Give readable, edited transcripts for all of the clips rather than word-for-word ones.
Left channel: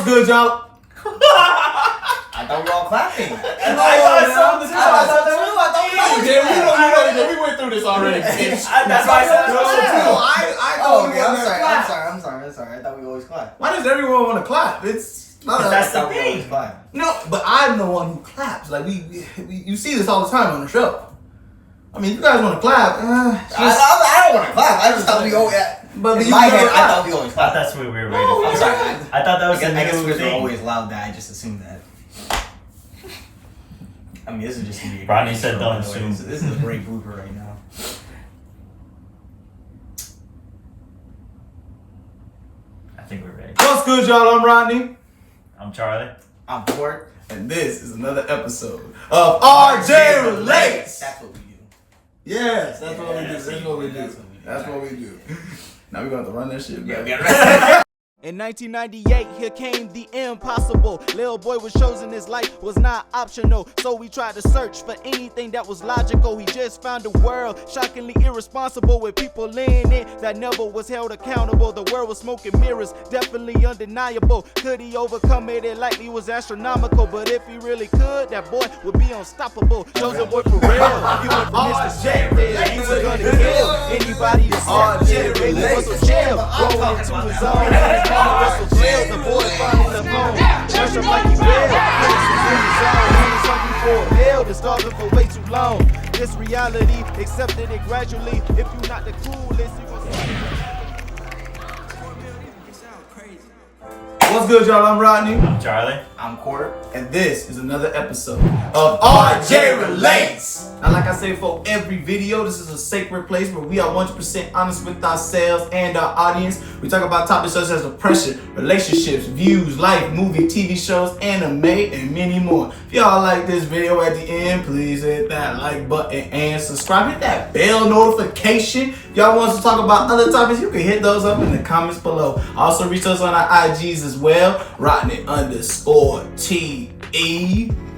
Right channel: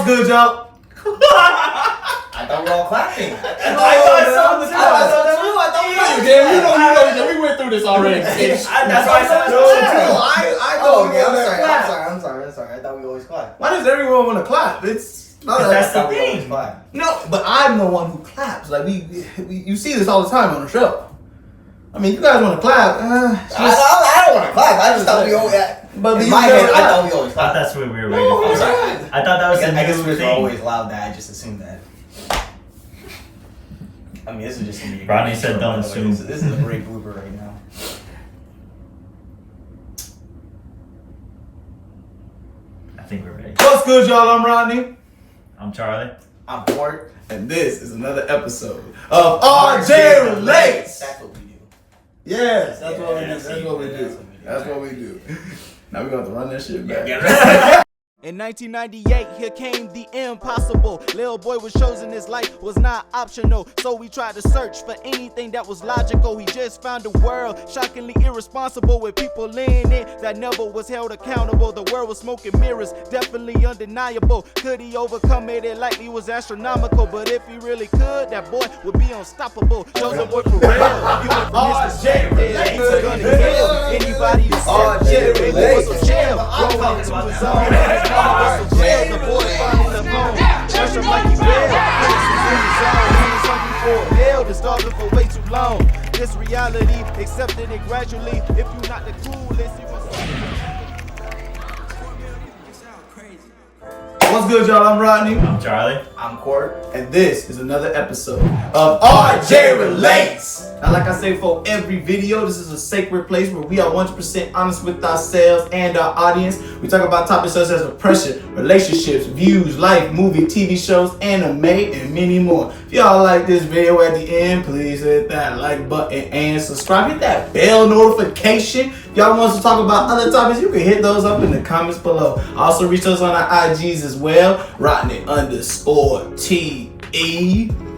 What's good, y'all? I thought we were all clapping. I thought so too. Yeah, we went through this already. That's why I said I'm sorry. I thought we always clap. Why does everyone want to clap? that's the thing. No, but I'm the one who claps. Like you see this all the time on the show. I mean, you guys want to clap? I don't want to clap. I just thought we always. But in my head, I thought we always I thought clap. that's what we were waiting I'm for. sorry. I thought that was I guess the new we're thing. always loud. That I just assumed that. I mean, this is just. Rodney said don't assume. This is a great blooper right now. I think we're ready. What's good, y'all? I'm Rodney. I'm Charlie. I'm bored. And this is another episode of RJ Relates. That's what we do. Yes, that's what we do. that's That's what we do. That's what we do. Now we're going to have to run that shit back. In 1998, here came the impossible. Lil boy was chosen, his life was not optional. So we tried to search for anything that was logical. He just found a world shockingly irresponsible with people in it that never was held accountable. The world was smoking mirrors, definitely undeniable. Could he overcome it? It likely was astronomical. But if he really could, that boy would be unstoppable. Chosen boy for real. He went from his perspective. He was gonna kill anybody that said shit. Baby was so chill, growing into his own. Mama was so thrilled, the boy finally left home. Fresh up like he will, Prince was in his zone. He was hungry for a meal, been starving for way too long. This reality, accepted it gradually. If you not the coolest, you gon' see CorMil, you sound crazy. What's good, y'all? I'm Rodney. I'm Charlie. I'm Court. And this is another episode of RJ Relates. Now, like I say for every video, this is a sacred place where we are 100% honest with ourselves and our audience. We talk about topics such as depression, relationships, views, life, movie, TV shows, anime, and many more. If y'all like this video at the end, please hit that like button and subscribe. Hit that bell notification. If y'all want us to talk about other topics, you can hit those up in the comments below. Also, reach us on our IGs as well. Rodney_TE.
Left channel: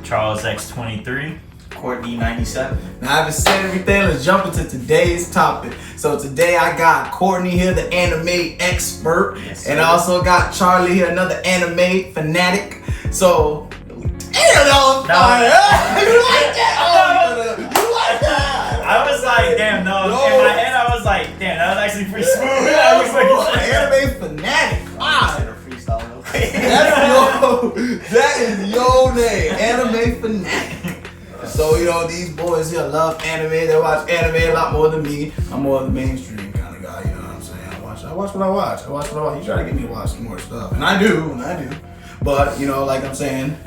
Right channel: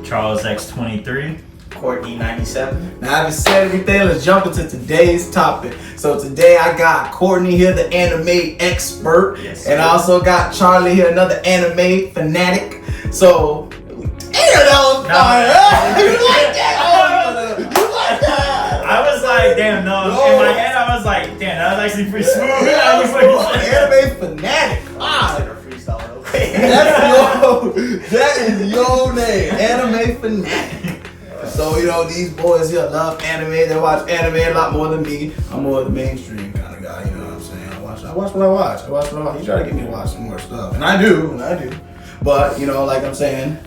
Charles X23. Courtney 97. Now, having said everything, let's jump into today's topic. So today I got Courtney here, the anime expert, Yes, and sir. I also got Charlie here, another anime fanatic. So, that was fire. You like that? Oh, you like that? I was like, damn, no. In my head, I was like, damn, that was actually pretty smooth. That was cool. Anime fanatic. Fire. Freestyle, okay. That is your name, anime fanatic. So, these boys here love anime. They watch anime a lot more than me. I'm more of the mainstream kind of guy, you know what I'm saying? I watch what I watch. You try to get me to watch some more stuff. And I do. But, like I'm saying,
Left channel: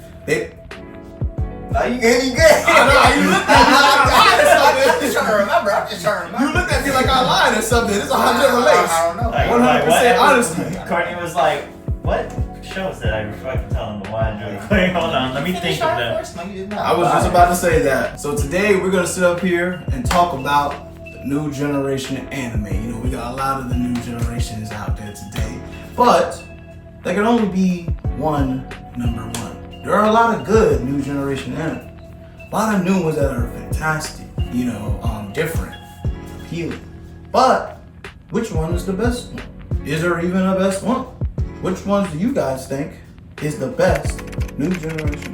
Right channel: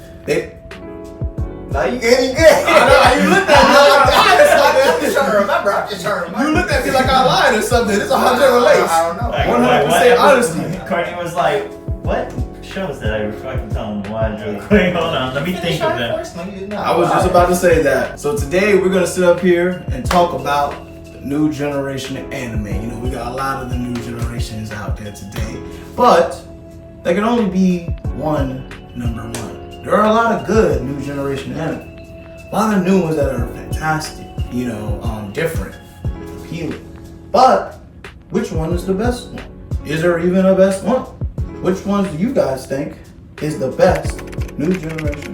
Now you good. I know, you looked at me like I lied or I'm just something. trying to remember. You looked at me like I lied or something. It's a 100 relates. I don't know. Like, 100% honesty. Courtney was like, what shows did I fucking tell him to watch real quick? Hold on, let me think of them. First? No, you did not. I was just about to say that. So today we're gonna sit up here and talk about the new generation of anime. We got a lot of the new generations out there today, but there can only be one number one. There are a lot of good new generation anime. A lot of new ones that are fantastic, different, appealing. But which one is the best one? Is there even a best one? Which ones do you guys think is the best new generation?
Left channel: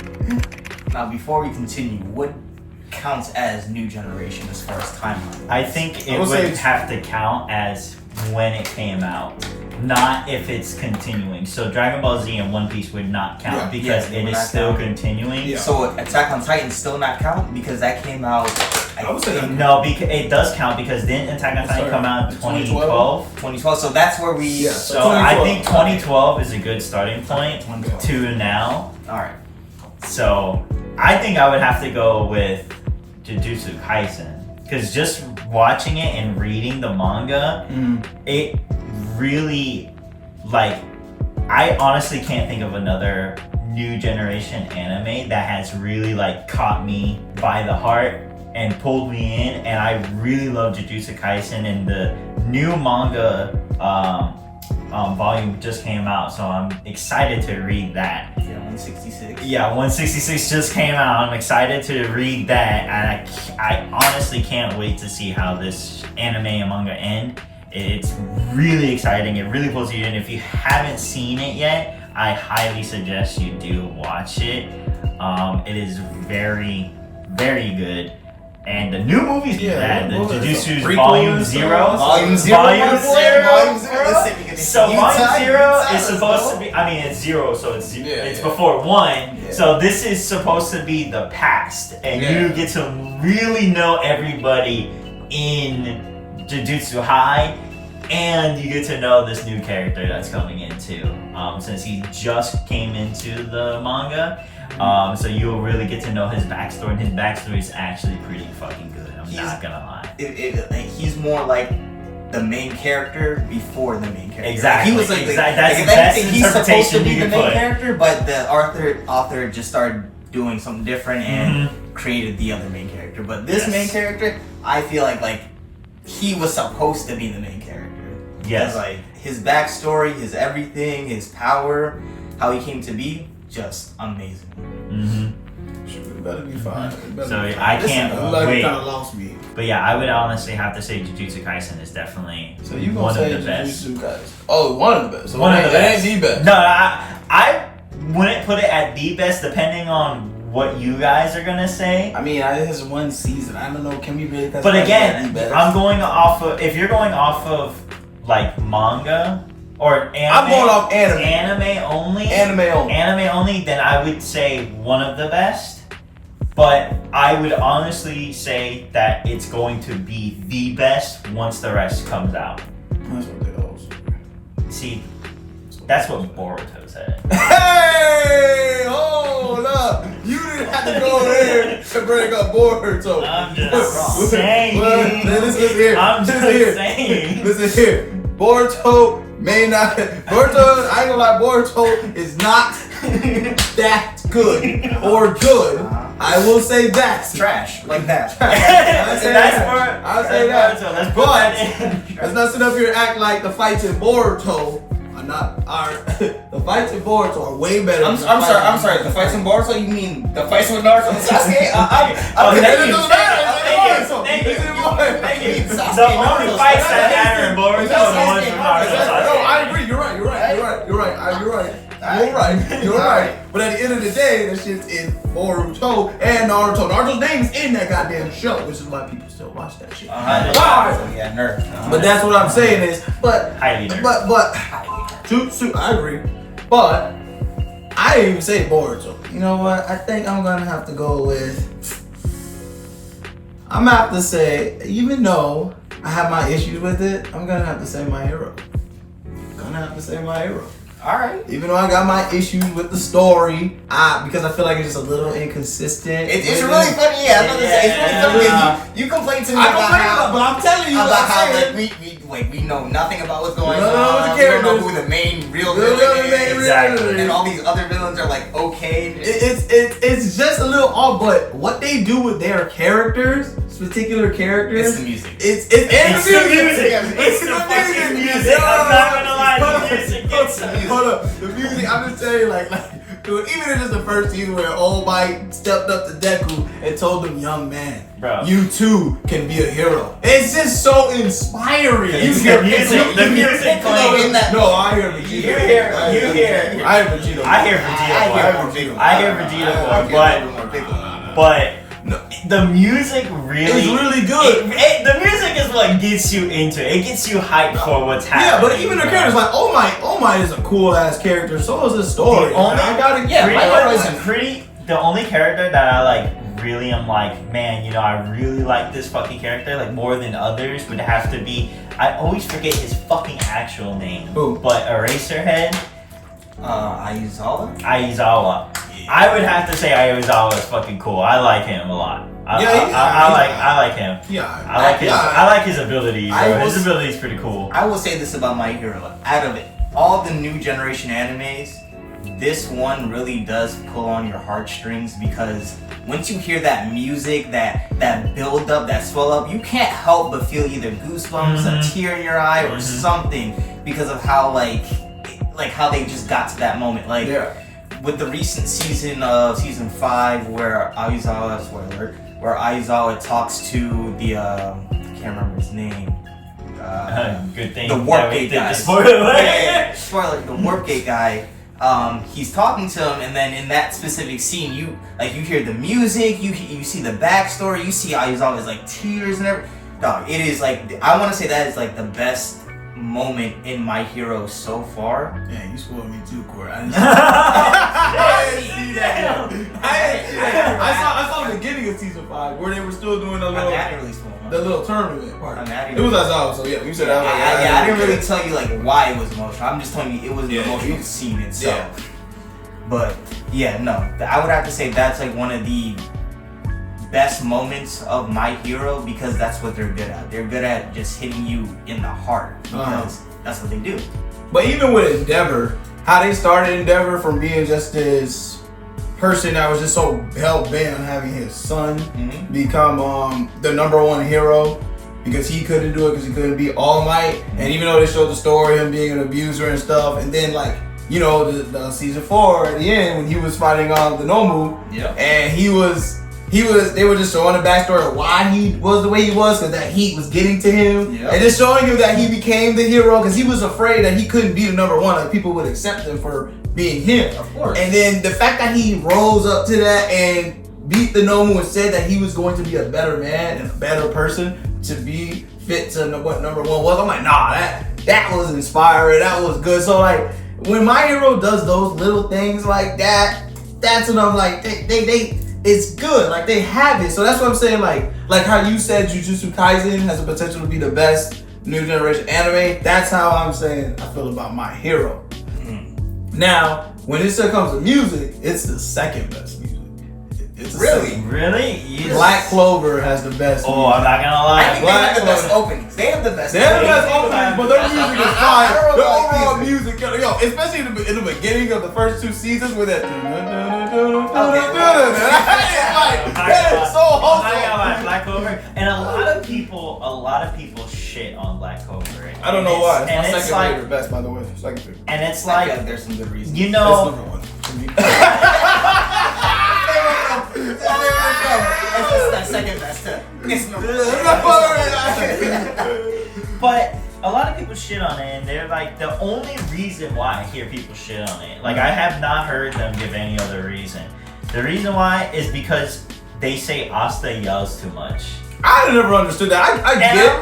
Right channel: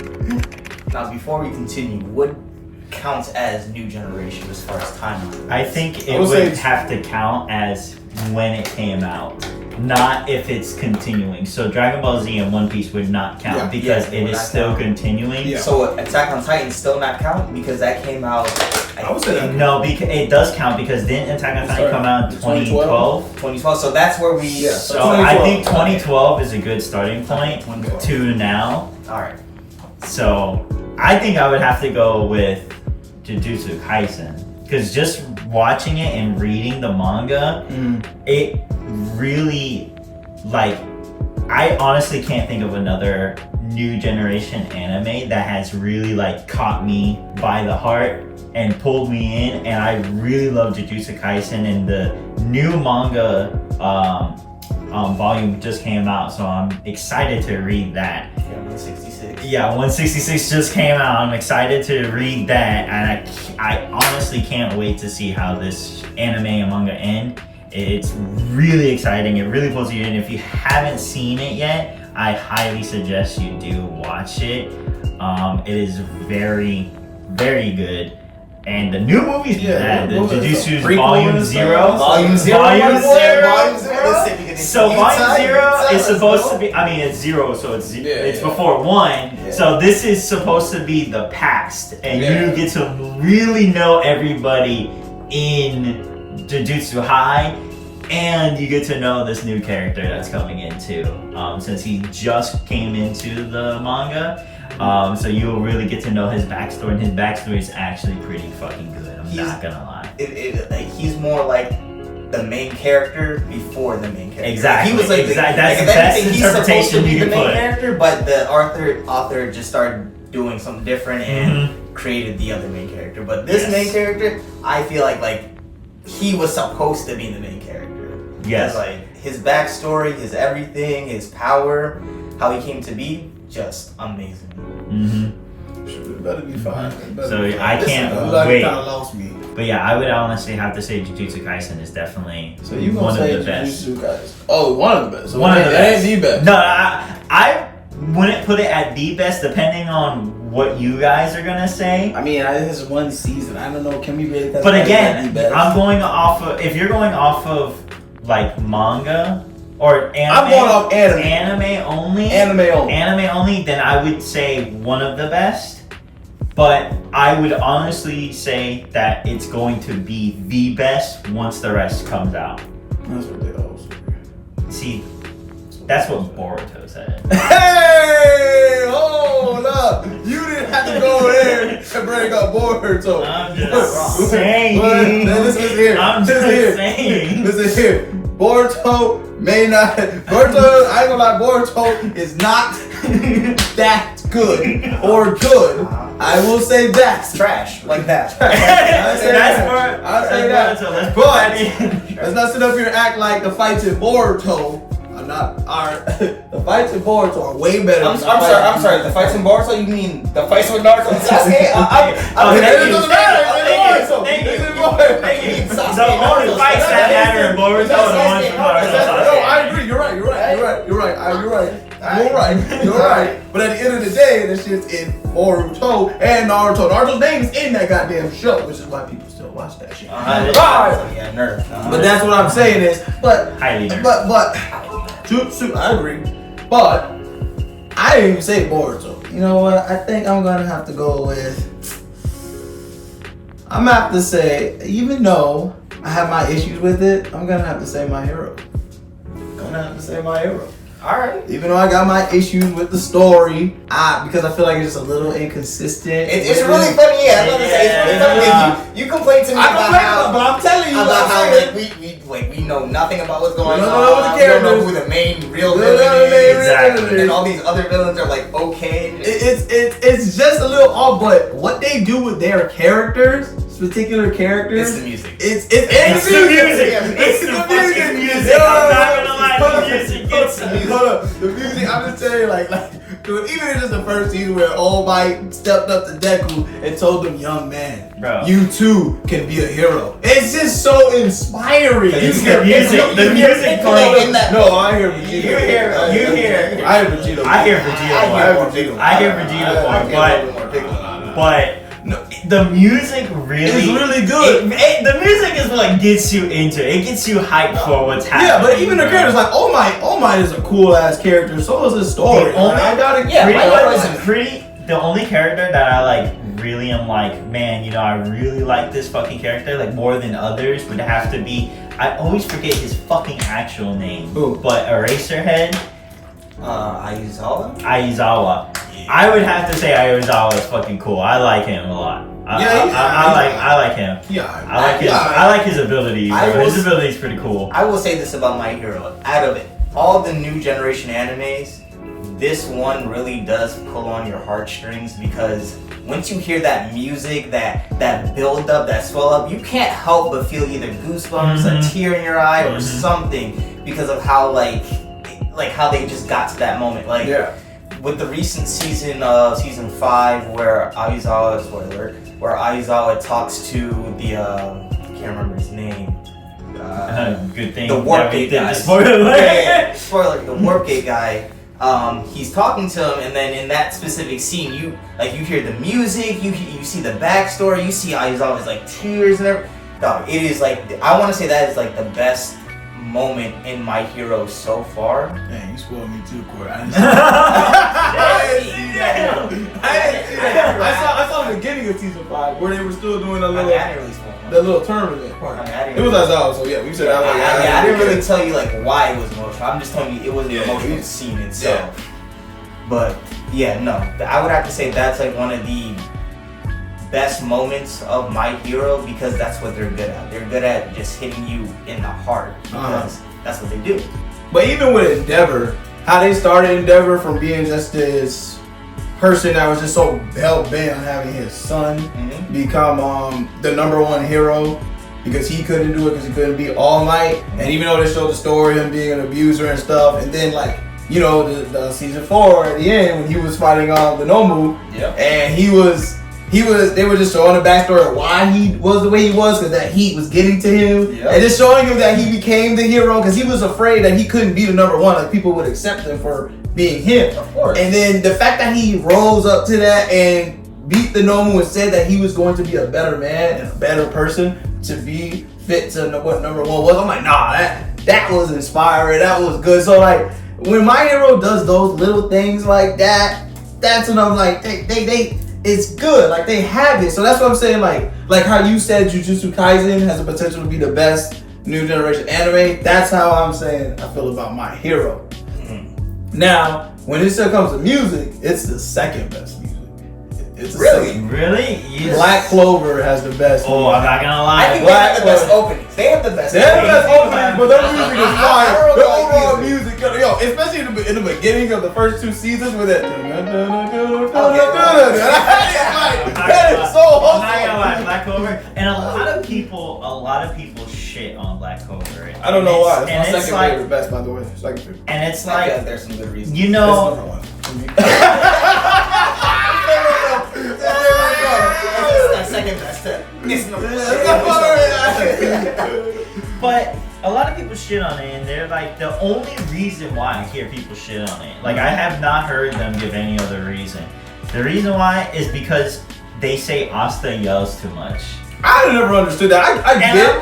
Now, before we continue, what counts as new generation as far as timeline? I think it would say would have to count as when it came out, not if it's continuing. So Dragon Ball Z and One Piece would not count because it would it is not still count. continuing. Yeah. So Attack on Titan still not count because that came out. I would say that. No, because it does count because didn't Attack on Titan Sorry, come out in 2012? 2012. So that's where we. Yeah, So 2012. I think 2012 is a good starting point 2012. to now. All right. So I think I would have to go with Jujutsu Kaisen because just watching it and reading the manga, it really I honestly can't think of another new generation anime that has really caught me by the heart and pulled me in, and I really love Jujutsu Kaisen, and the new manga volume just came out, so I'm excited to read that. Yeah, 166. Yeah, 166 just came out. I'm excited to read that, and I honestly can't wait to see how this anime and manga end. It's really exciting. It really pulls you in. If you haven't seen it yet, I highly suggest you do watch it. It is very, very good. And the new movies, the Jujutsu Volume 0. Volume 0. Volume 0. Listen, So Volume 0 is supposed to be, I mean, it's 0, so it's before 1. Yeah. So this is supposed to be the past. And you get to really know everybody in Jujutsu High. And you get to know this new character that's coming in too. Since he just came into the manga. So you'll really get to know his backstory, and his backstory is actually pretty fucking good. I'm not gonna lie. He's more like the main character before the main character. Exactly. He was like that's the best interpretation you can the main put. character, but the author just started doing something different and created the other main character. But this main character, I feel like he was supposed to be the main character. Yes. Like his backstory, his everything, his power, how he came to be, just amazing. It better be fine. So I can't Like wait. it kind of lost me. But yeah, I would honestly have to say Jujutsu Kaisen is definitely So you gonna one say of the best. Jujutsu Kaisen? Oh, one of the best. So One of the it best. ain't the best. No, I wouldn't put it at the best, depending on what you guys are gonna say. I mean, this is one season. I don't know. Can we really? But again, I'm going off of, if you're going off of like manga or anime. I'm going off anime. Anime only. Anime only. Anime only. Then I would say one of the best. But I would honestly say that it's going to be the best once the rest comes out. That's what they all say. See, that's what Boruto said. Hey, hold up! You didn't have to go there and bring up Boruto. I'm just saying. Listen here. I'm just saying. Listen here. Boruto may not. Boruto, I ain't gonna lie. Boruto is not that good or good. I will say that. Trash, like that. I'll say That's that. Boruto. I'll say that. Boruto. Let's put that in. Let's not sit up here and act like the fights in Boruto are not. The fights in Boruto are way better. I'm than the fights sorry. I'm sorry. The fights in Boruto? You mean the fights with Naruto and Sasuke? The only fights that matter in Boruto are the ones from Naruto. No, I agree. You're right. But at the end of the day, that shit's in Boruto and Naruto. Naruto's name is in that goddamn show, which is why people still watch that shit. Yeah, nerd. But that's what I'm saying is, but Jutsu, I agree. But I didn't even say Boruto. You know what? I think I'm gonna have to go with. I'm gonna have to say, even though I have my issues with it, I'm gonna have to say My Hero. Alright. Even though I got my issues with the story, because I feel like it's just a little inconsistent. It's really funny, yeah. I thought it's really funny. You complain to me but I'm telling you about how we know nothing about what's going on. We don't know what the characters. We don't know who the main real Villain villain is. Exactly. And all these other villains are like okay. It's just a little off, but what they do with their characters, particular characters, It's the music. It's the music. It's the fucking music. I'm not gonna lie, the music gets Hold up, the music. I'm just saying, like, even if it's the first season where All Might stepped up to Deku and told him, "Young man, Bro. you too can be a hero." It's just so inspiring. It's the music. The music playing. No, I hear Vegeta. You hear. I hear Vegeta. I hear Vegeta more. But no, the music really It's really good. The music is what gets you into it. It gets you hyped for what's happening. Yeah, but even the characters, like All Might is a cool ass character. So is his story. The only- I got it. The only character that I like really am like, man, you know, I really like this fucking character like more than others would have to be. I always forget his fucking actual name. Who? But Eraserhead. Aizawa. I would have to say Aizawa is fucking cool. I like him a lot. I like him. Yeah, I like his ability. His ability is pretty cool. I will say this about My Hero. Out of all the new generation animes, this one really does pull on your heartstrings because once you hear that music, that build up, that swell up, you can't help but feel either goosebumps, a tear in your eye, or something because of how like how they just got to that moment. Like with the recent season of season 5 where Aizawa talks to the I can't remember his name. Good thing. The Warp Gate guy. Spoiler. Spoiler. The Warp Gate guy. he's talking to him, and then in that specific scene, you hear the music, you see the backstory, you see how he's always like tears and everything. No, it is like, I want to say that is like the best moment in My Hero so far. Dang, you spoiled me too, Corey. I didn't see Damn. that. I saw the beginning of season 5 where they were still doing the little tournament part. It was so yeah, you said that. I didn't really tell you like why it was emotional. I'm just telling you it was an emotional scene itself. Yeah. But yeah, no, I would have to say that's like one of the best moments of My Hero because that's what they're good at. They're good at just hitting you in the heart because that's what they do. But even with Endeavor, how they started Endeavor from being just this person that was just so hell bent on having his son become the #1 hero because he couldn't do it because he couldn't be All Might. And even though they showed the story of him being an abuser and stuff, and then like, you know, the season 4 at the end when he was fighting the Nomu, and they were just showing the backstory of why he was the way he was, because that heat was getting to him, and just showing him that he became the hero because he was afraid that he couldn't be the #1, like people would accept him for being him. Of course. And then the fact that he rose up to that and beat the Nomu and said that he was going to be a better man and a better person to be fit to what #1 was, I'm like, nah, that was inspiring, that was good. So like, when My Hero does those little things like that, that's when I'm like, they it's good. Like they have it. So that's what I'm saying. Like how you said Jujutsu Kaisen has the potential to be the best new generation anime. That's how I'm saying I feel about My Hero. Now, when it still comes to music, it's the second best music. It's Really? Black Clover has the best. Oh, I'm not gonna lie. I think they have the best openings. They have the best. They have the best openings, but their music is fire. Their Horrible overall music, yo, especially in the beginning of the first 2 seasons with that. That is so I'm not gonna wholesome. lie, Black Clover, and a lot of people shit on Black Clover. I don't know why. It's my And second favorite best, by the way. Second favorite. And it's I feel like, like there's some good reasons. you It's know, #1 for me. That's second best. but a lot of people shit on it, and they're like, the only reason why I hear people shit on it, like I have not heard them give any other reason. The reason why is because they say Asta yells too much. I never understood that. I And get. I'm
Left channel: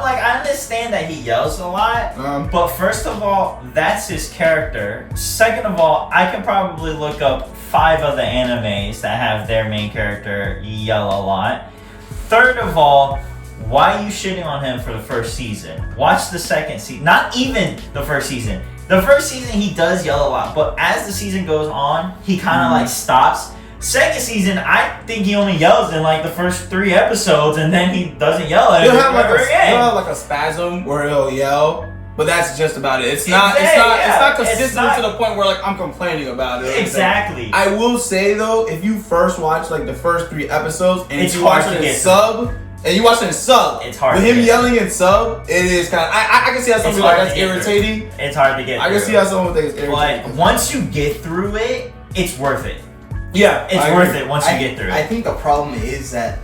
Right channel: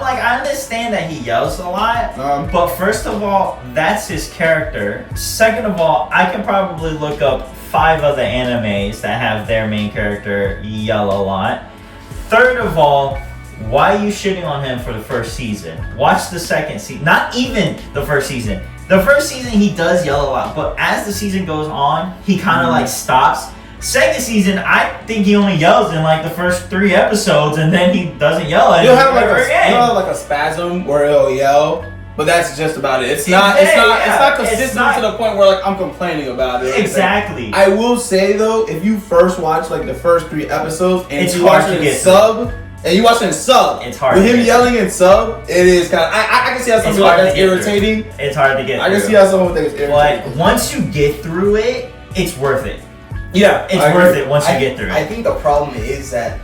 like, I understand that he yells a lot, but first of all, that's his character. Second of all, I can probably look up 5 other animes that have their main character yell a lot. Third of all, why are you shitting on him for the first season? Watch the second season. Not even the first season. The first season he does yell a lot, but as the season goes on, he kind of like stops. Second season, I think he only yells in like the first 3 episodes, and then he doesn't yell You'll anymore. have like a spasm where he'll yell, but that's just about it. It's not consistent to the point where like I'm complaining about it. Exactly. I will say though, if you first watch like the first 3 episodes and It's you hard watch to it in get sub, and you watch it in sub, It's hard with to him get yelling in sub, it is kind of. I can see how some It's people like hard that's to get through. irritating. It's hard to get I can through. see how someone thinks it's irritating. But once you get through it, it's worth it. Yeah, It's worth it once you get through I it. think the problem is that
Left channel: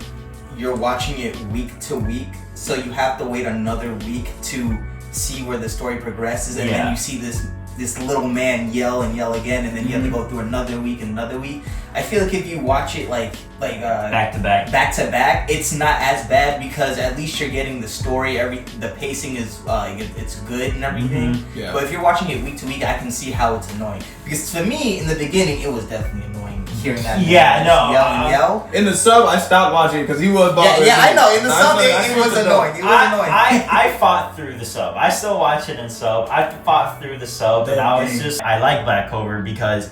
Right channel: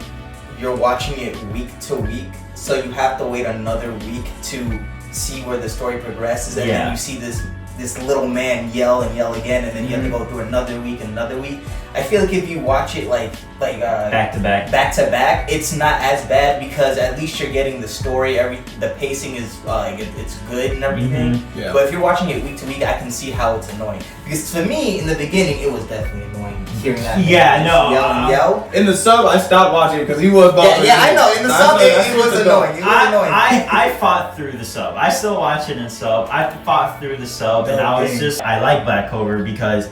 you're watching it week to week, so you have to wait another week to see where the story progresses, and then you see this little man yell and yell again, and then you have to go through another week and another week. I feel like if you watch it like back to back, it's not as bad because at least you're getting the story. The pacing is it's good and everything. Yeah. But if you're watching it week to week, I can see how it's annoying. Because for me, in the beginning, it was definitely annoying hearing that. Yeah, man no, yell and yell. In the sub, I stopped watching because he was bothering me. I know. In the sub, it was annoying. It was annoying. I fought through the sub. I still watch it in sub. I fought through the sub, and I like Black Clover because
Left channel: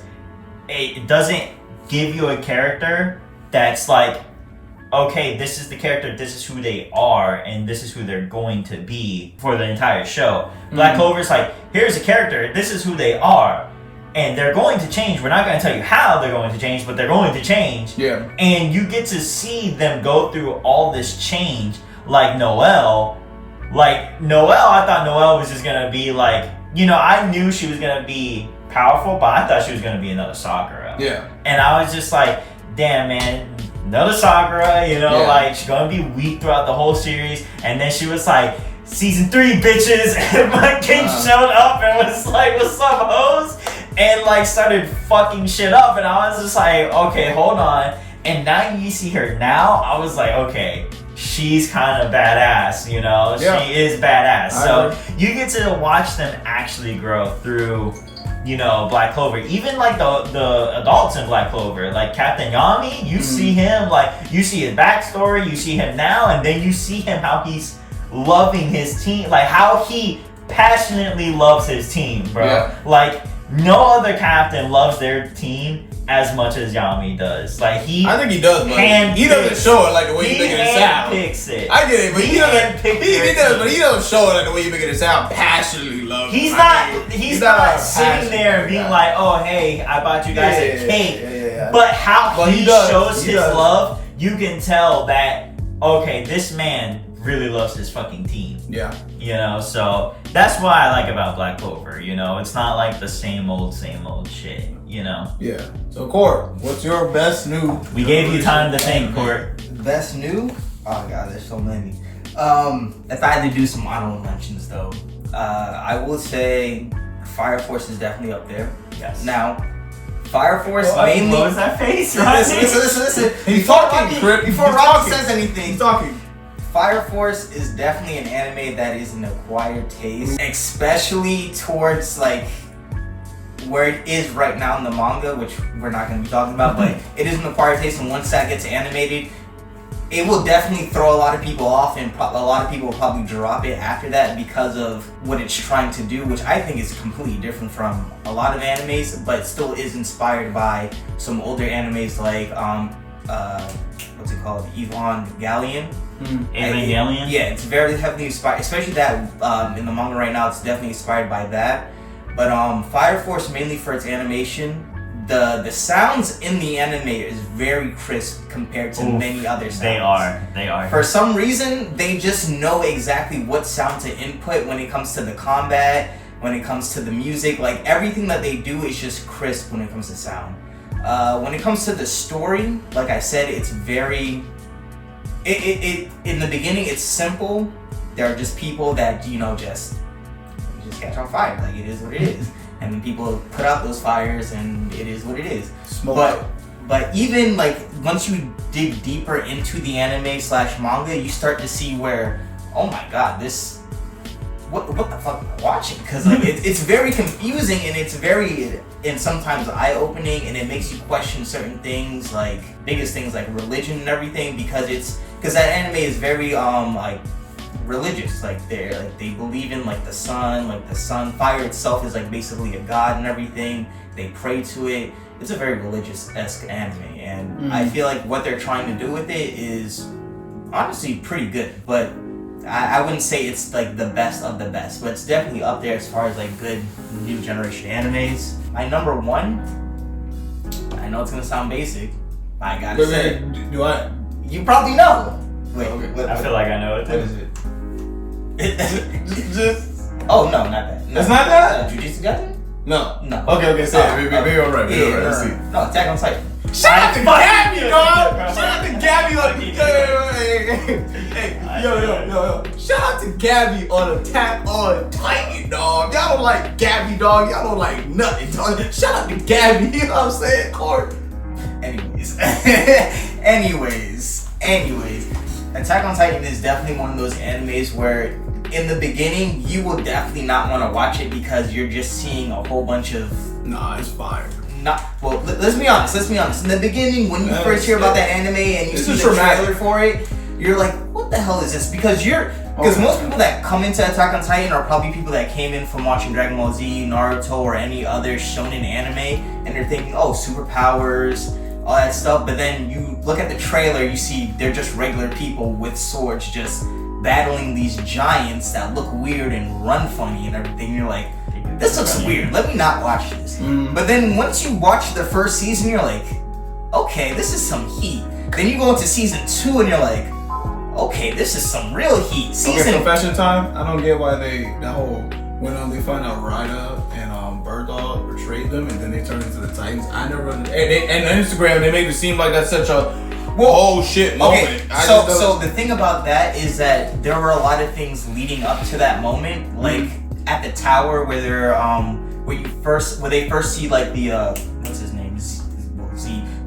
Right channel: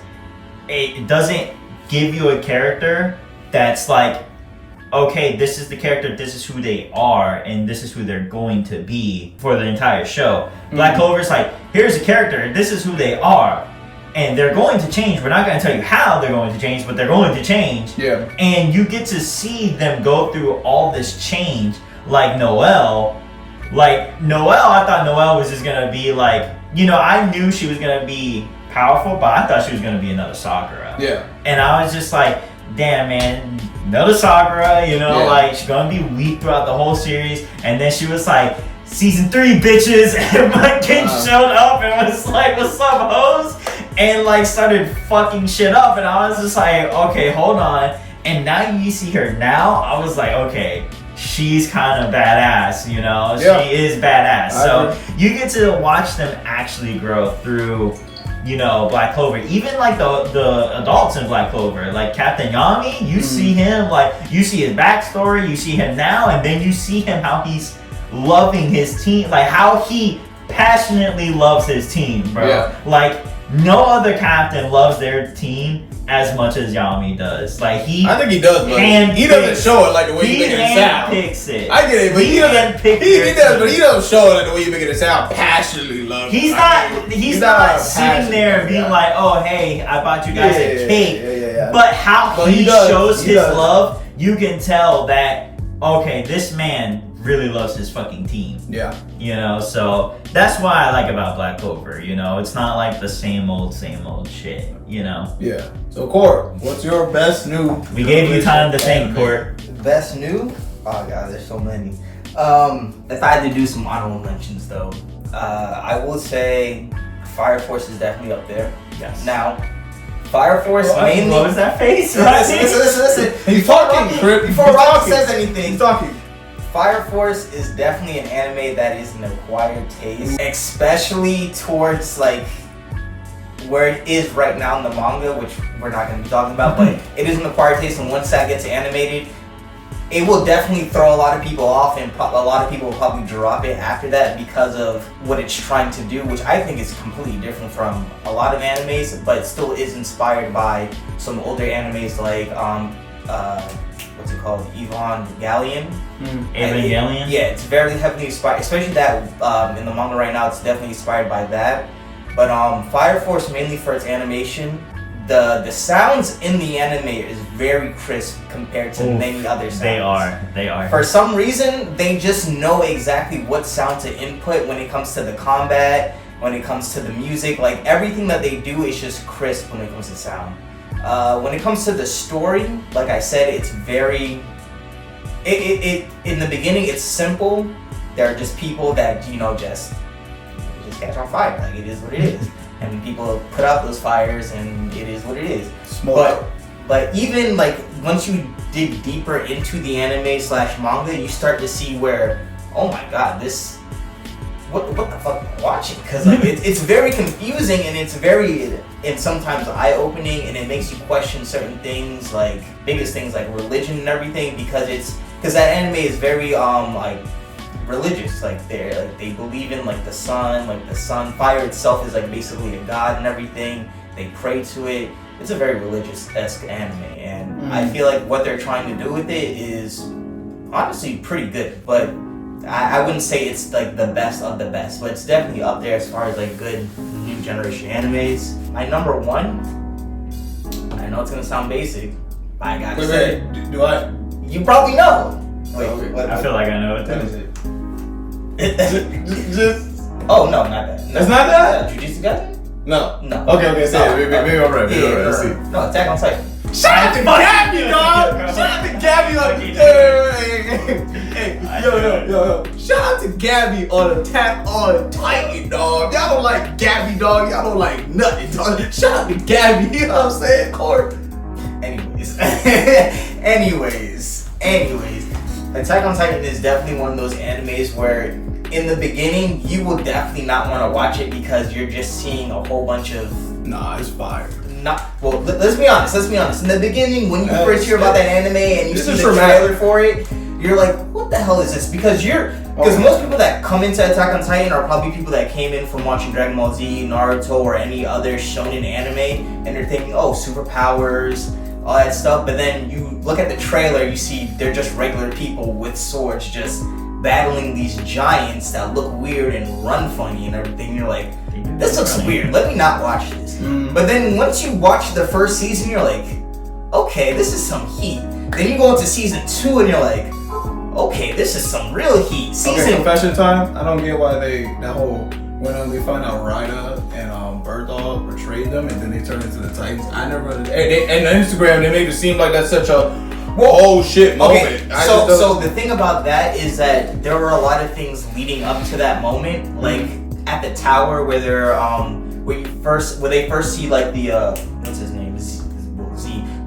it doesn't give you a character that's like, okay, this is the character, this is who they are, and this is who they're going to be for the entire show. Black Clover's like, here's a character, this is who they are, and they're going to change. We're not going to tell you how they're going to change, but they're going to change. Yeah. And you get to see them go through all this change, like Noelle. Like, Noelle, I thought Noelle was just going to be like, I knew she was going to be powerful, but I thought she was going to be another Sakura. Yeah. And I was just like, damn, man, another Sakura, like, she's going to be weak throughout the whole series. And then she was like, season 3, bitches, and my kid showed up and was like, what's up, hoes? and like started fucking shit up, and I was just like, okay, hold on. And now you see her now, I was like, okay, she's kind of badass, you know? Yeah. She is badass. I So agree. you get to watch them actually grow through, you know, Black Clover. Even like the adults in Black Clover, like Captain Yami, you see him, like, you see his backstory, you see him now, and then you see him how he's loving his team, like how he passionately loves his team, bro. Yeah. Like, no other captain loves their team as much as Yami does. Like, I think he does, but he doesn't show it like the way you make it sound. Picks it. I get it, but he doesn't. He does, but he doesn't show it like the way you make it sound. Passionately love. He's it. not. He's not sitting passionate there and being guy. like, "Oh, hey, I bought you guys a cake." Yeah. But how But he he does. shows He his does. love, you can tell that. Okay, this man really loves his fucking team. Yeah. You know, so that's what I like about Black Clover. You know, it's not like the same old shit. You know. Yeah. So, Court, what's your best new? We gave you time to think, anime? Court. Best new? Oh god, there's so many. If I had to do some honorable mentions though, I will say Fire Force is definitely up there. Yes. Now, Fire Force What mainly. was that face? Listen. He's Before talking, Rocky- Crit. Before He's Rocky talking. says anything, He's talking. Fire Force is definitely an anime that is an acquired taste, especially towards like where it is right now in the manga, which we're not going to be talking about, but it is an acquired taste, and once that gets animated, it will definitely throw a lot of people off, and a lot of people will probably drop it after that because of what it's trying to do, which I think is completely different from a lot of animes, but it still is inspired by some older animes like what's it called, Evangelion. Evangelion? Yeah, it's very heavily inspired, especially that in the manga right now. It's definitely inspired by that. But Fire Force, mainly for its animation, the sounds in the anime is very crisp compared to many other sounds. They are. For some reason, they just know exactly what sound to input when it comes to the combat, when it comes to the music. Like, everything that they do is just crisp when it comes to sound. When it comes to the story, like I said, it's very... It in the beginning, it's simple. They're just people that, you know, just catch on fire. Like, it is what it is. I mean, people put out those fires, and it is what it is. Smoke. But even like once you dig deeper into the anime / manga, you start to see where, oh my god, this, what the fuck am I watching? Because like it's very confusing, and it's very, and sometimes eye-opening, and it makes you question certain things, like biggest things like religion and everything, because that anime is very like religious. Like they believe in like the sun fire itself is like basically a god and everything. They pray to it. It's a very religious-esque anime, and I feel like what they're trying to do with it is honestly pretty good, but I wouldn't say it's like the best of the best, but it's definitely up there as far as like good new generation animes. My number one, I know it's gonna sound basic, but I gotta say, do I? you probably know. Wait, Okay. I feel like I know it What too. is it? Just. Oh no, not that. No. It's not that? Jujutsu Kaisen? No. No. Okay, say it. Maybe I'm right. Maybe I'm right. Let's see. No, Attack on Titan. Shout out to Gabby, dog! Shout out to Gabby on hey, yo. Shout out to Gabby on Attack on Titan, dog. Y'all don't like Gabby, dog. Y'all don't like nothing, dog. Shout out to Gabby, you know what I'm saying, Court? Anyways. Attack on Titan is definitely one of those animes where in the beginning you will definitely not want to watch it because you're just seeing a whole bunch of Nah, it's fire. let's be honest. In the beginning, when you first hear about that anime and you see the trailer for it, you're like, what the hell is this? Because most people that come into Attack on Titan are probably people that came in from watching Dragon Ball Z, Naruto, or any other shonen anime, and they're thinking, oh, superpowers, all that stuff. But then you look at the trailer, you see they're just regular people with swords just battling these giants that look weird and run funny and everything. You're like, this looks weird. Let me not watch this. But then once you watch the first season, you're like, okay, this is some heat. Then you go into season 2 and you're like, okay, this is some real heat. Okay, confession time. I don't get why they find out Rida and Bird Dog betrayed them and then they turned into the Titans. I never. And on Instagram they made it seem like that's such a oh shit moment. Okay, so the thing about that is that there were a lot of things leading up to that moment, like at the tower where they're where they first see like the what's his name Z,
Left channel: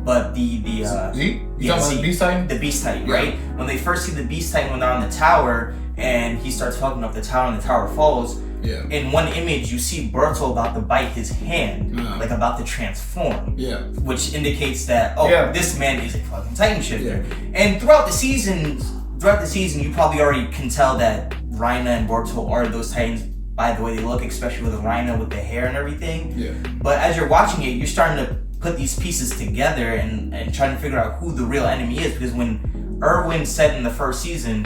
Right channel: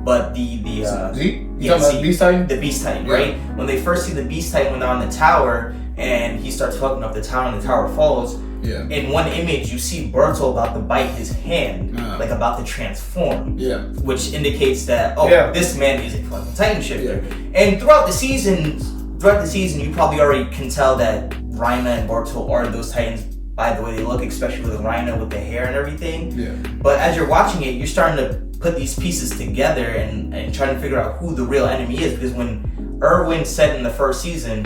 but the Z? You talking Z, about the Beast Titan? the Beast Titan, Yeah. right? When they first see the Beast Titan when they're on the tower and he starts fucking up the tower and the tower falls. Yeah. In one image, you see Berto about to bite his hand, like about to transform. Yeah. Which indicates that this man is a fucking Titan shifter. Yeah. And throughout the season, you probably already can tell that Reina and Berto are those Titans by the way they look, especially with Reina with the hair and everything. Yeah. But as you're watching it, you're starting to put these pieces together and trying to figure out who the real enemy is. Because when Erwin said in the first season,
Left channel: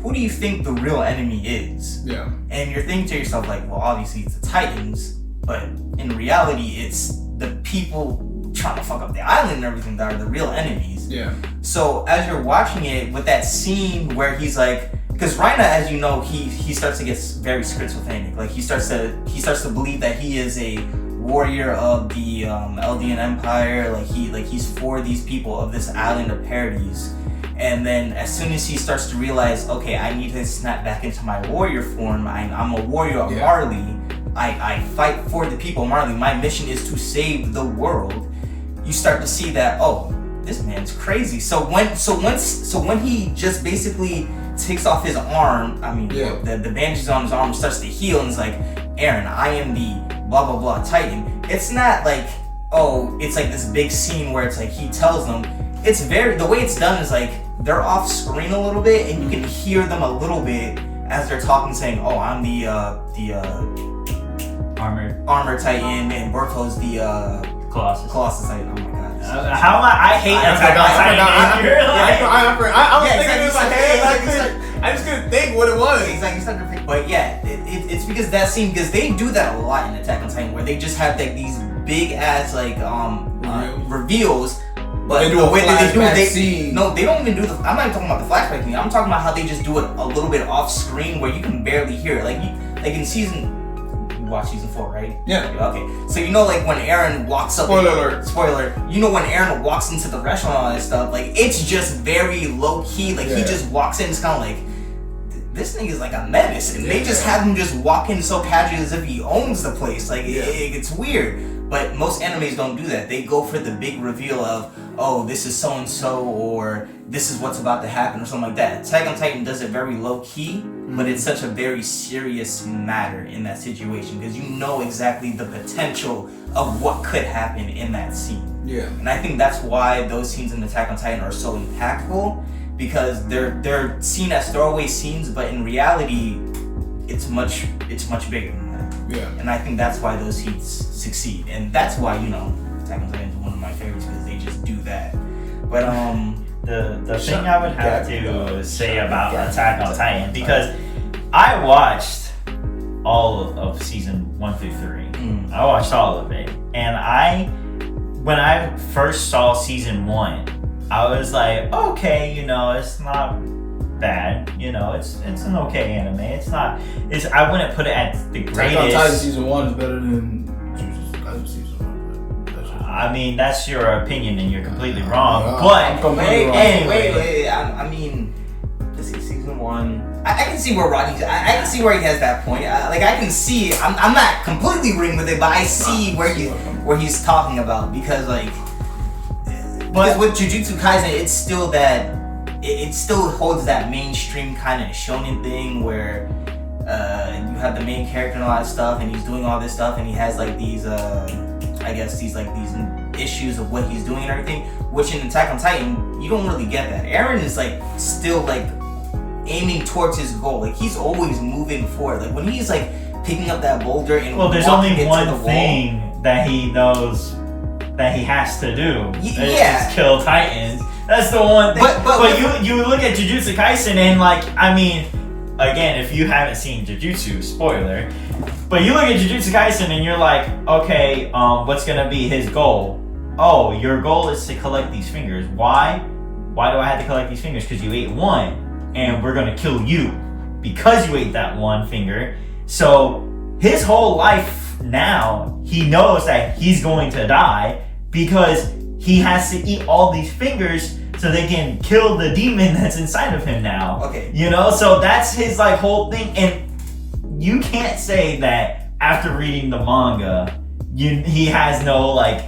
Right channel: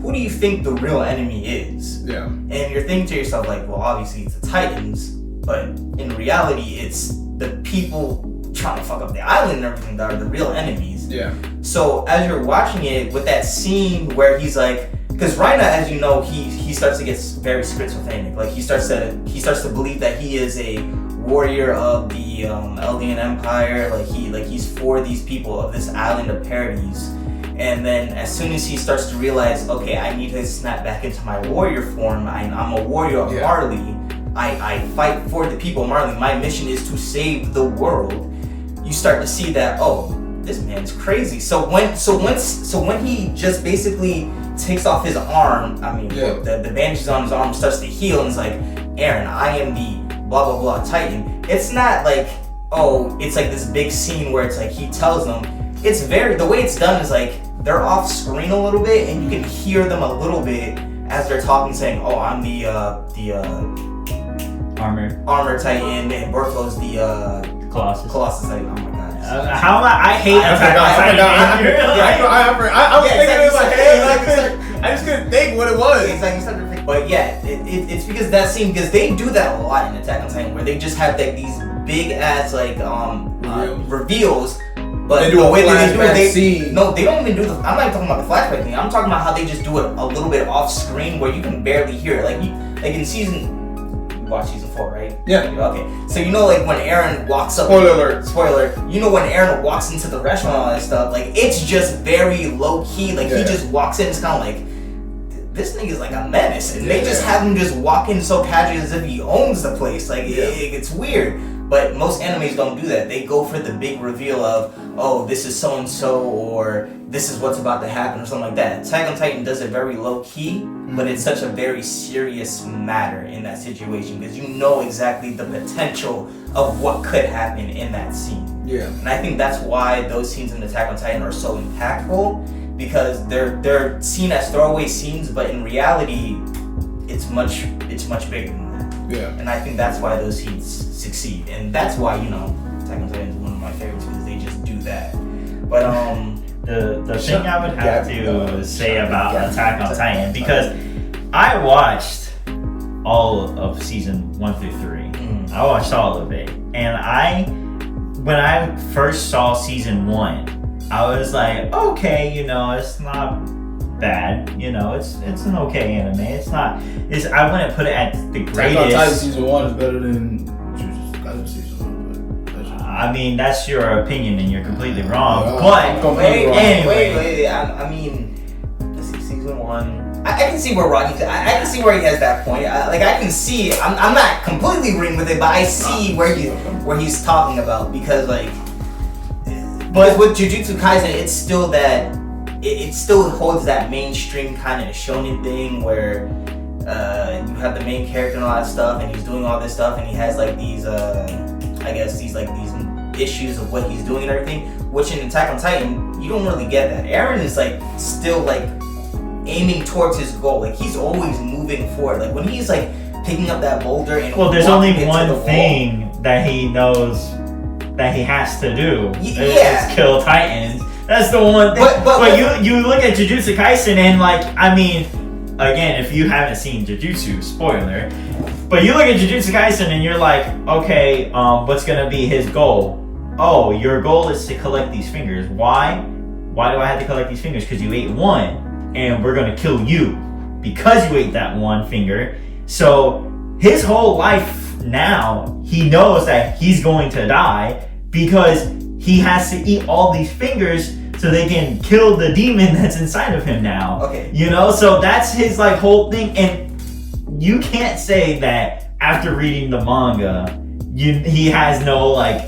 who do you think the real enemy is? Yeah. And you're thinking to yourself, like, well, obviously it's the Titans, but in reality, it's the people trying to fuck up the island and everything that are the real enemies. Yeah. So as you're watching it, with that scene where he's like, because Reina, as you know, he starts to get very schizophrenic. Like he starts to believe that he is a warrior of the Eldian Empire. Like he's for these people of this island of Paradise. And then as soon as he starts to realize, okay, I need to snap back into my warrior form. I'm a warrior of Marley. I fight for the people of Marley. My mission is to save the world. You start to see that, oh, this man's crazy. So when he just basically takes off his arm, the bandages on his arm starts to heal and is like, Aaron, I am the blah blah blah Titan. It's not like, oh, it's like this big scene where it's like he tells them. It's the way it's done is like they're off screen a little bit and you can hear them a little bit as they're talking, saying, oh, I'm the armor Titan and Berto's the Colossus Titan. Oh my god. How am I hate Attack on Titan. I was thinking it was like, hey, I just couldn't think what it was. Exactly. But yeah, it's because that scene, because they do that a lot in Attack on Titan, where they just have like these big ass like reveals. But they do a flashback scene. No, they don't even do I'm not even talking about the flashback thing. I'm talking about how they just do it a little bit off screen where you can barely hear it. Like in season, you watch season 4, right? Yeah. Okay. So you know, like when Aaron walks up. Spoiler alert. You know when Aaron walks into the restaurant and all that stuff. Like it's just very low key. Like he just walks in. It's kind of like this nigga's like a menace, and they just have him just walk in so casually as if he owns the place. Like it's weird. But most animes don't do that. They go for the big reveal of, oh, this is so-and-so, or this is what's about to happen, or something like that. Attack on Titan does it very low-key, but it's such a very serious matter in that situation, because you know exactly the potential of what could happen in that scene. Yeah. And I think that's why those scenes in Attack on Titan are so impactful, because they're seen as throwaway scenes, but in reality, it's much bigger than that. Yeah. And I think that's why those scenes succeed. And that's why, Attack on Titan is one of my favorites, because they just do that. But the thing I would have to say about Attack on Titan, because I watched all of season 1 through 3. I watched all of it. And when I first saw season 1, I was like, okay, it's not bad, it's an okay anime. I wouldn't put it at the greatest. Attack on Titan season 1 is better than Jujutsu Kaisen season 1, but I mean, that's your opinion and you're completely wrong. But wait. I mean, let's see, season 1. I can see where Rodney. I can see where he has that point. I can see. I'm not completely agreeing with it, but I see where he's talking about, because but with Jujutsu Kaisen, it's still that. It still holds that mainstream kind of shonen thing where you have the main character and all that stuff, and he's doing all this stuff, and he has like these, these issues of what he's doing and everything. Which in Attack on Titan, you don't really get that. Eren is like still like aiming towards his goal. Like he's always moving forward. Like when he's like picking up that boulder and there's only one thing that he knows that he has to do. Is kill Titans. That's the one thing. But you look at Jujutsu Kaisen and again, if you haven't seen Jujutsu, spoiler, but you look at Jujutsu Kaisen and you're like, okay, what's gonna be his goal? Oh, your goal is to collect these fingers. Why? Why do I have to collect these fingers? Because you ate one, and we're gonna kill you because you ate that one finger. So his whole life now, he knows that he's going to die because he has to eat all these fingers so they can kill the demon that's inside of him now. Okay. So that's his whole thing. And you can't say that after reading the manga, he has no like,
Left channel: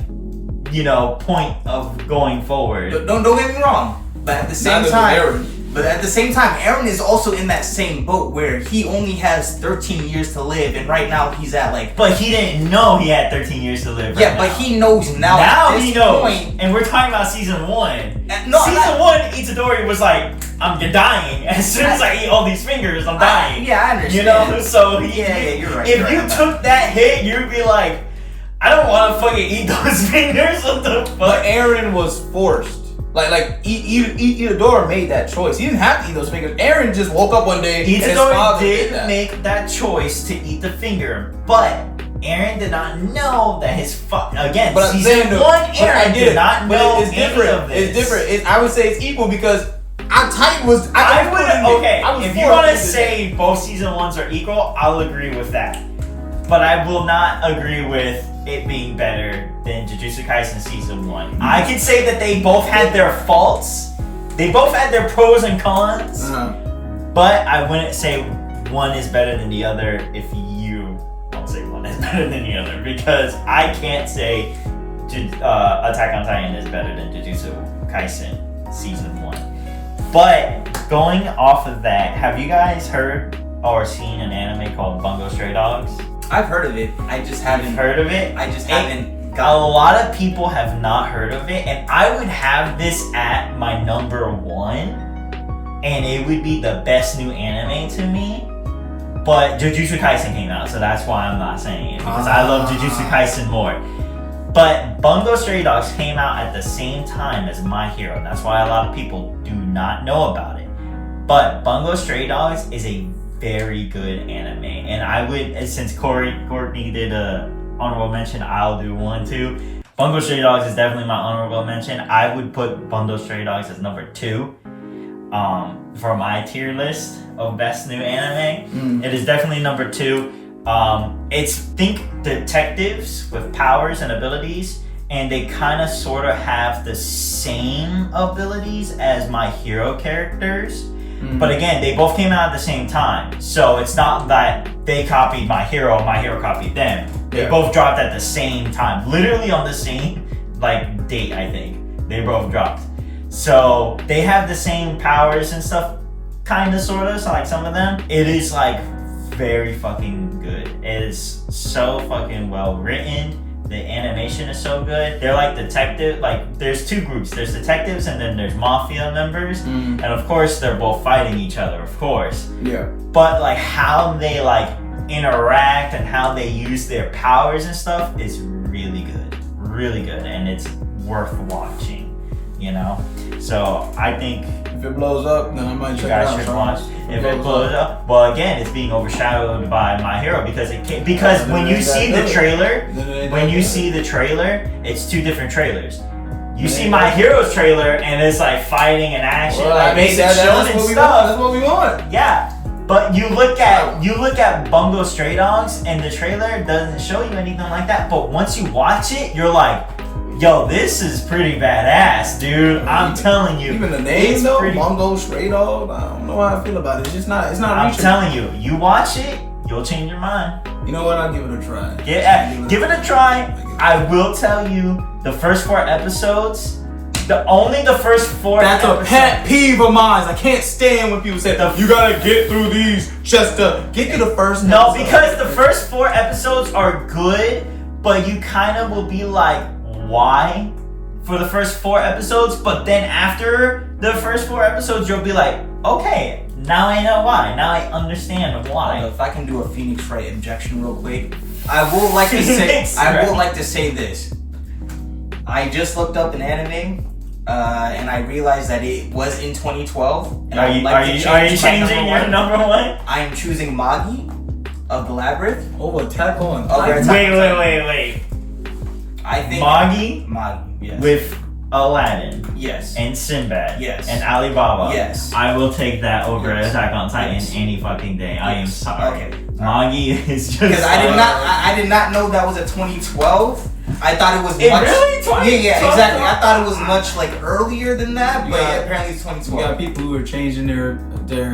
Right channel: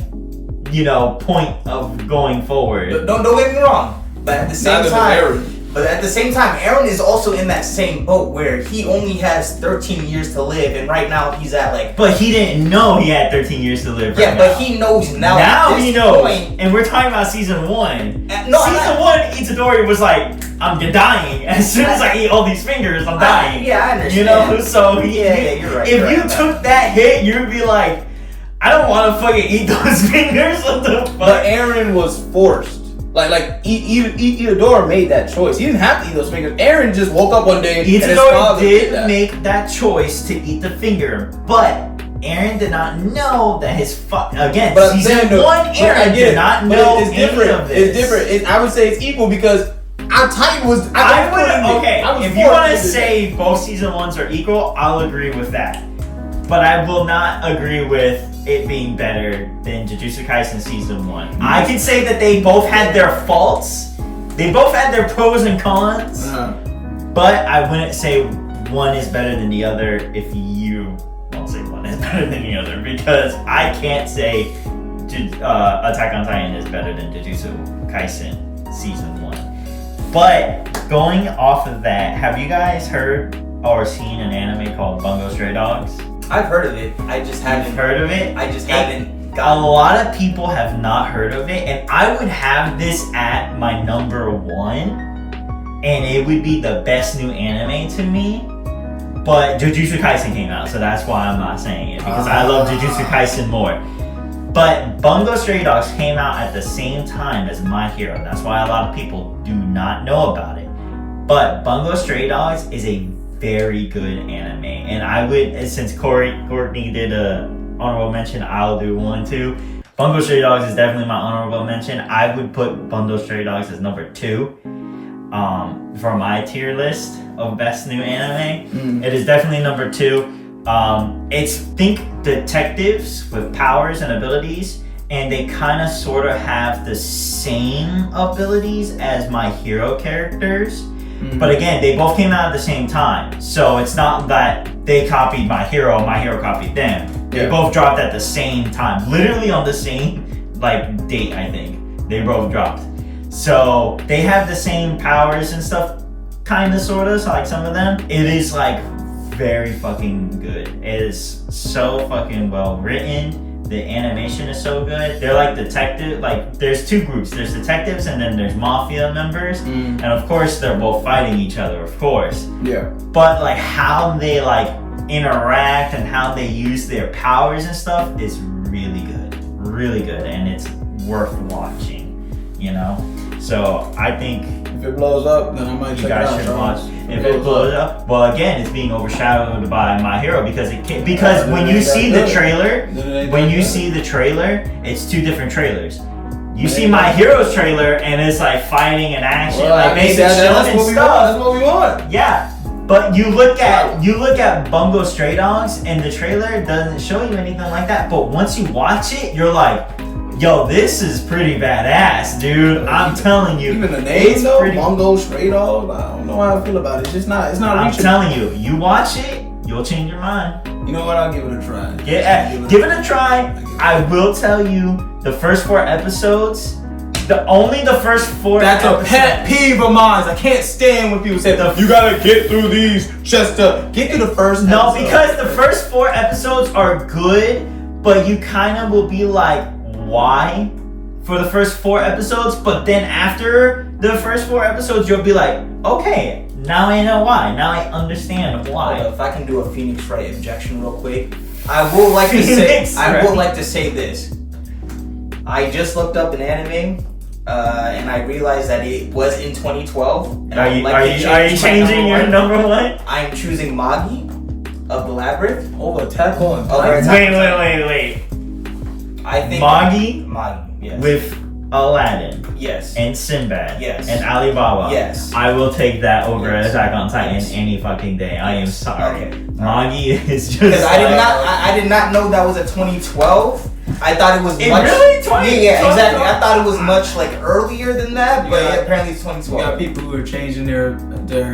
point of going forward. Don't get me wrong, but at the same time, Aaron is also in that same boat where he only has 13 years to live, and right now he's at like. But he didn't know he had 13 years to live. Yeah, but he knows now. Now he knows, and we're talking about season 1. Season 1, Itadori was like, I'm dying. As soon as I eat all these fingers, I'm dying. Yeah, I understand. So you're right. If you took that hit, you'd be like, I don't want to fucking eat those fingers. What the fuck? But Aaron was forced. Like Itadori made that choice. He didn't have to eat those fingers. Aaron just woke up one day and his father did make that choice to eat the finger, but Aaron did not know that his again. But season 1, Aaron did not know it's different. Any of this. It's different. I would say it's equal because Titan was. If you want to say both season 1s are equal, I'll agree with that. But I will not agree with it being better than Jujutsu Kaisen season 1. I can say that they both had their faults. They both had their pros and cons. But I wouldn't say one is better than the other if you won't say one is better than the other, because I can't say Attack on Titan is better than Jujutsu Kaisen season 1. But going off of that, have you guys heard or seen an anime called Bungo Stray Dogs? I've heard of it. I just haven't heard of it. I just haven't. A lot of people have not heard of it, and I would have this at my number 1, and it would be the best new anime to me. But Jujutsu Kaisen came out, so that's why I'm not saying it, because I love Jujutsu Kaisen more. But Bungo Stray Dogs came out at the same time as My Hero. That's why a lot of people do not know about it. But Stray Dogs is a very good anime, and I would, since Courtney did a honorable mention, I'll do one too. Bungo Stray Dogs is definitely my honorable mention. I would put Bungo Stray Dogs as number 2 for my tier list of best new anime. It is definitely number 2. It's think detectives with powers and abilities, and they kind of sort of have the same abilities as My Hero characters. But again, they both came out at the same time, so it's not that they copied My Hero copied them. They both dropped at the same time, literally on the same date. I think they both dropped, so they have the same powers and stuff, kind of, sort of. So like some of them, it is very fucking good. It is so fucking well written. The animation is so good. They're like detective, there's 2 groups. There's detectives and then there's mafia members. And of course they're both fighting each other, of course. Yeah. But how they interact and how they use their powers and stuff is really good. Really good, and it's worth watching, So I think if it blows up, then I might check it out. You guys should watch. If it blows up, well, again, it's being overshadowed by My Hero because when you see the trailer, it's 2 different trailers. You see My Hero's trailer, and it's fighting and action, that's what we want. That's what we want. Yeah, but you look at Bungo Stray Dogs, and the trailer doesn't show you anything like that. But once you watch it, you're like, yo, this is pretty badass, dude. I'm telling you. Even the name though, Bungo Stray Dogs, I don't know how I feel about it. It's not reachable. I'm telling you, you watch it, you'll change your mind. You know what? I'll give it a try. Give it a try. I will tell you, the first 4 episodes, only the first 4 That's episodes. A pet peeve of mine. I can't stand when people say, you gotta get through these just to get to the first episode. No, because the first 4 episodes are good, but you kind of will be like, why for the first 4 episodes, but then after the first 4 episodes you'll be like, okay, now I know why, now I understand why. If I can do a Phoenix Wright objection real quick, I will like to say this. I just looked up an anime and I realized that it was in 2012. Are you changing your number 1? I am choosing Magi of the Labyrinth over Attack on Titan. Wait. I think Magi, yes. With Aladdin, yes, and Sinbad, yes, and Alibaba, yes. I will take that over Attack on Titan any fucking day. I am sorry. Okay. Magi is just. Because I did not know that was a 2012. I thought it was. Really? 2020. Yeah, exactly. I thought it was much like earlier than that, but Yeah. apparently it's You 2012. got people who are changing their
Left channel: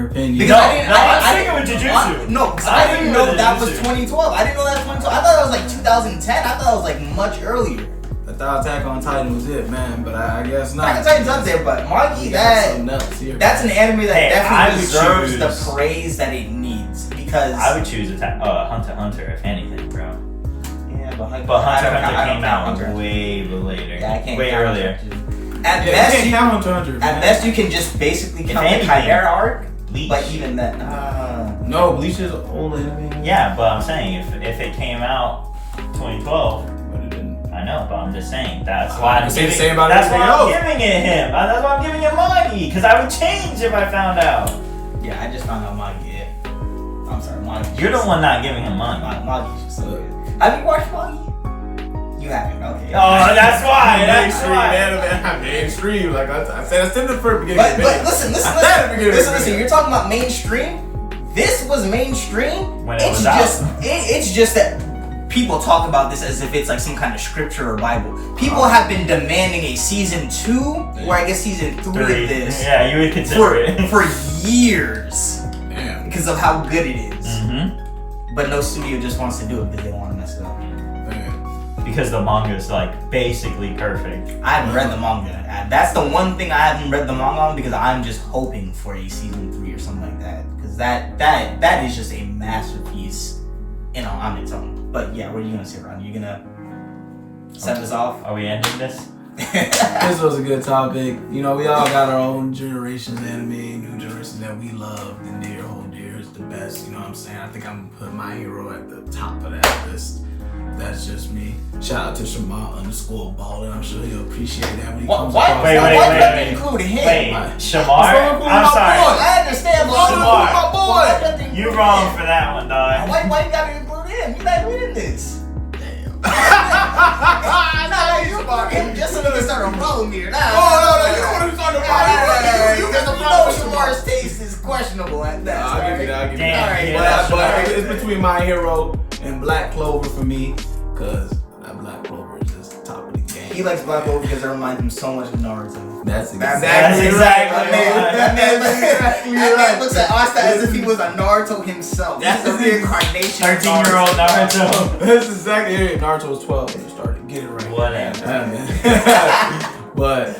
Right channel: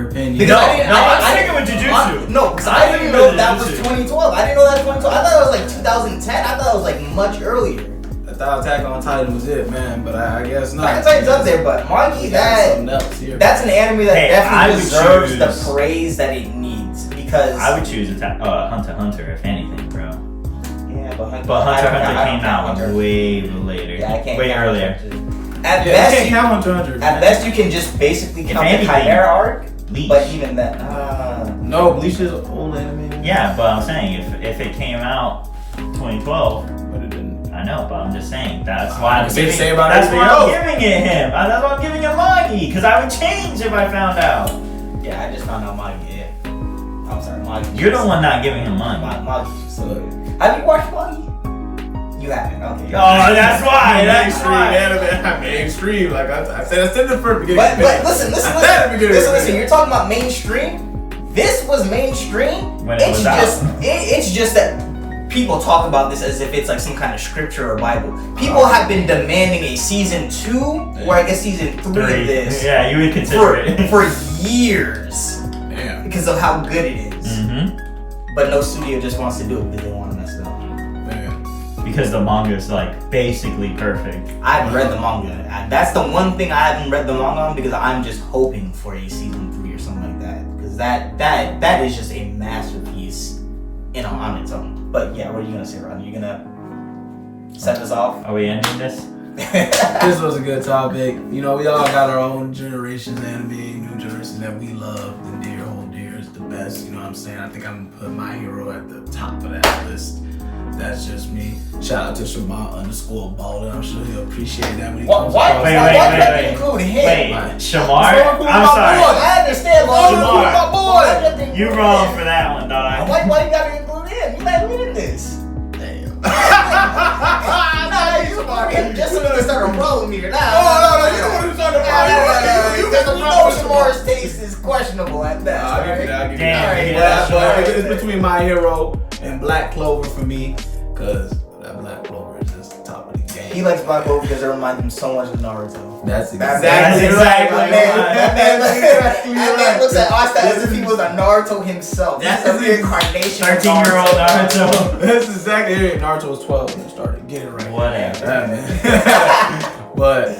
opinion. Because No, I I'm sticking with Jujutsu. No, because I'm I didn't sticking know with that was Jujutsu. 2012. I didn't know that was 2012. I thought it was like 2010. I thought it was like much earlier. I thought Attack on Titan was it, man, but I guess not. I can tell you up there, but Magi, We got something else here. that's an anime that Hey, I definitely would deserves choose- the praise that it needs. Because I would choose Hunter x Hunter if anything, bro. yeah, but Hunter x Hunter came out way later. Yeah, I can't way count earlier. At Yeah, best, you can't you, count Hunter x Hunter. at man. best you can just basically If count the anything, Chimera arc, Bleach. but even that. No, Bleach is old anime. Yeah, but I'm saying if it came out 2012, But it didn't. I know, but I'm just saying that's why I'm It's the giving. same about That's why everything I'm else. giving it him. That's why I'm giving it Magi, because I would change if I found out. Yeah, I just found out Magi. Yeah. I'm sorry, Magi. You're the one not giving him Magi. Magi was so good. Have you watched Magi? You haven't. Okay. Oh, that's why. That's Mainstream why. anime. Mainstream. Like I said in the first beginning. But listen, I said at the beginning of the listen. video. You're talking about mainstream. This was mainstream. When it was out. It's just that people talk about this as if it's like some kind of scripture or Bible. People have been demanding a season 2, or I guess season 3 of this, Yeah, you would consider it. for years Damn. because of how good it is. Mm-hmm. But no studio just wants to do it because they want to mess it up. Man. Because the manga is like basically perfect. I haven't read the manga. That's the one thing I haven't read the manga on because I'm just hoping for a season 3 or something like that. Because that is just a masterpiece, on its own. But yeah, what are you gonna say, Ron? You gonna set us off? Are we ending this? This was a good topic. You know, we all got our own generations anime, new generations that we love. The near, hold dear is the best. You know what I'm saying? I think I'm gonna put My Hero at the top of that list. That's just me. Shout out to Shema_Baldwin. I'm sure he'll appreciate that when he comes across. Wait, why wait, you wait, have to wait. include him? Wait, Shamar? What's wrong with I'm my sorry. boy? I understand, but Shamar, my boy. You wrong for that one, dog. Why you gotta include him? You not reading this. Damn. No, you about him just so you can start a roll meter. Nah, Oh, no, you don't want to talk about You it. know Shamar's taste is questionable at best. I'll give you that. I'll give you Damn, that. yeah, But Shamar. it's between My Hero and Black Clover for me, because that Black Clover is just top of the game. He likes Black Clover because it reminds him so much of Naruto. That's That's exactly right. exactly That Exactly man looks at Asta as if he right. was a Naruto himself. That's He's a reincarnation. of 13-year-old Naruto. That's exactly it. Naruto was 12 when it started. Get it right. Whatever. Yeah, man. But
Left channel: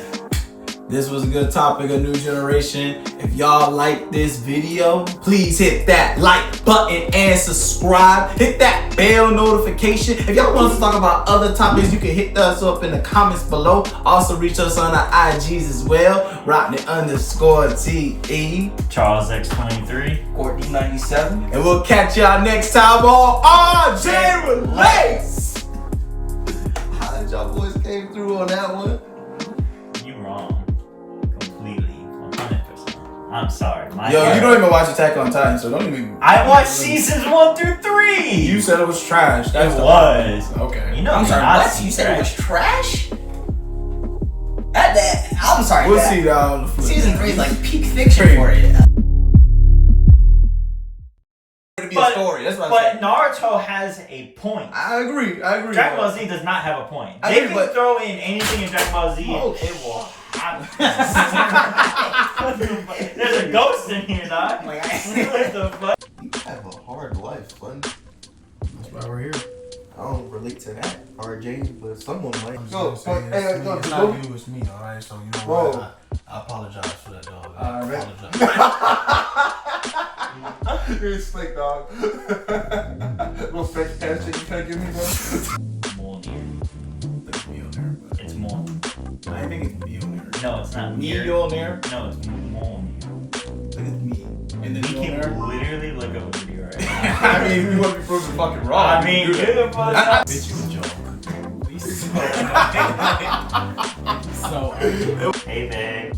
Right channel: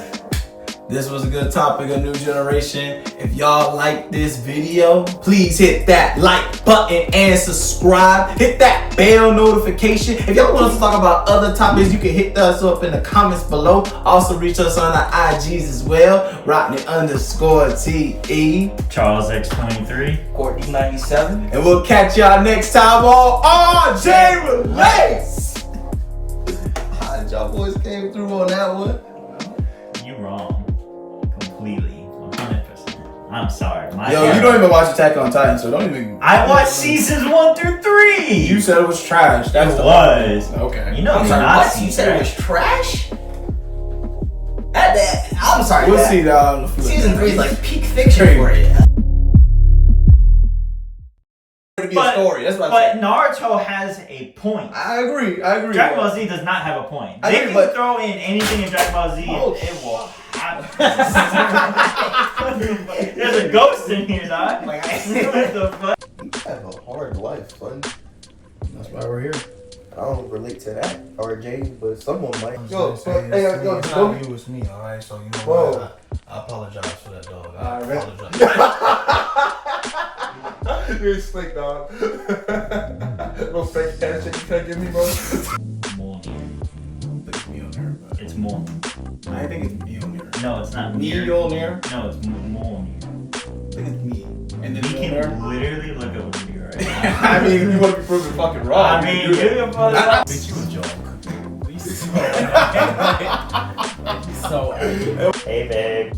this was a good topic, a new generation. If y'all like this video, please hit that like button and subscribe. Hit that bell notification. If y'all want us to talk about other topics, you can hit us up in the comments below. Also reach us on our IGs as well. Rodney_TE. Charles X23. Courtney 97. And we'll catch y'all next time on RJ Relates. How did y'all boys came through on that one? You wrong. Completely. 100%. I'm sorry. My Yo, you don't even watch Attack on Titan, so don't even. I watched seasons 1 through 3. You said it was trash. That's It the was. problem. Okay. You know I'm me sorry, not what? seeing You said it was trash. trash? I'm sorry. We'll that- see that on the flip. Season 3 is like peak fiction Crazy. for you. To be a story. That's what But Naruto has a point. I agree. Dragon Ball Z does not have a point. I They agree, can but- throw in anything in Dragon Ball Z. Oh. It will. There's a ghost in here, dog. Like, What the fuck? You have a hard life, bud. That's why we're here. I don't relate to that, RJ, but someone might. Yo, Yo, hey, yo, it's Lofi. not you, it's me, alright? So, you know Whoa. what? I apologize for that, dog. I Alright. apologize. You're slick, dog. No fake cash that you can't give me, bro. Moon. Look at me on there, but It's Moon. I think it's me on there. No, it's not Me, Mir. you on there? No, it's Moon. I think it's me. And then You you on can there? literally look over me right now. I mean, if you want to be proven fucking wrong, I you mean, can do that. good for the Bitch, you a joke. So Hey, babe.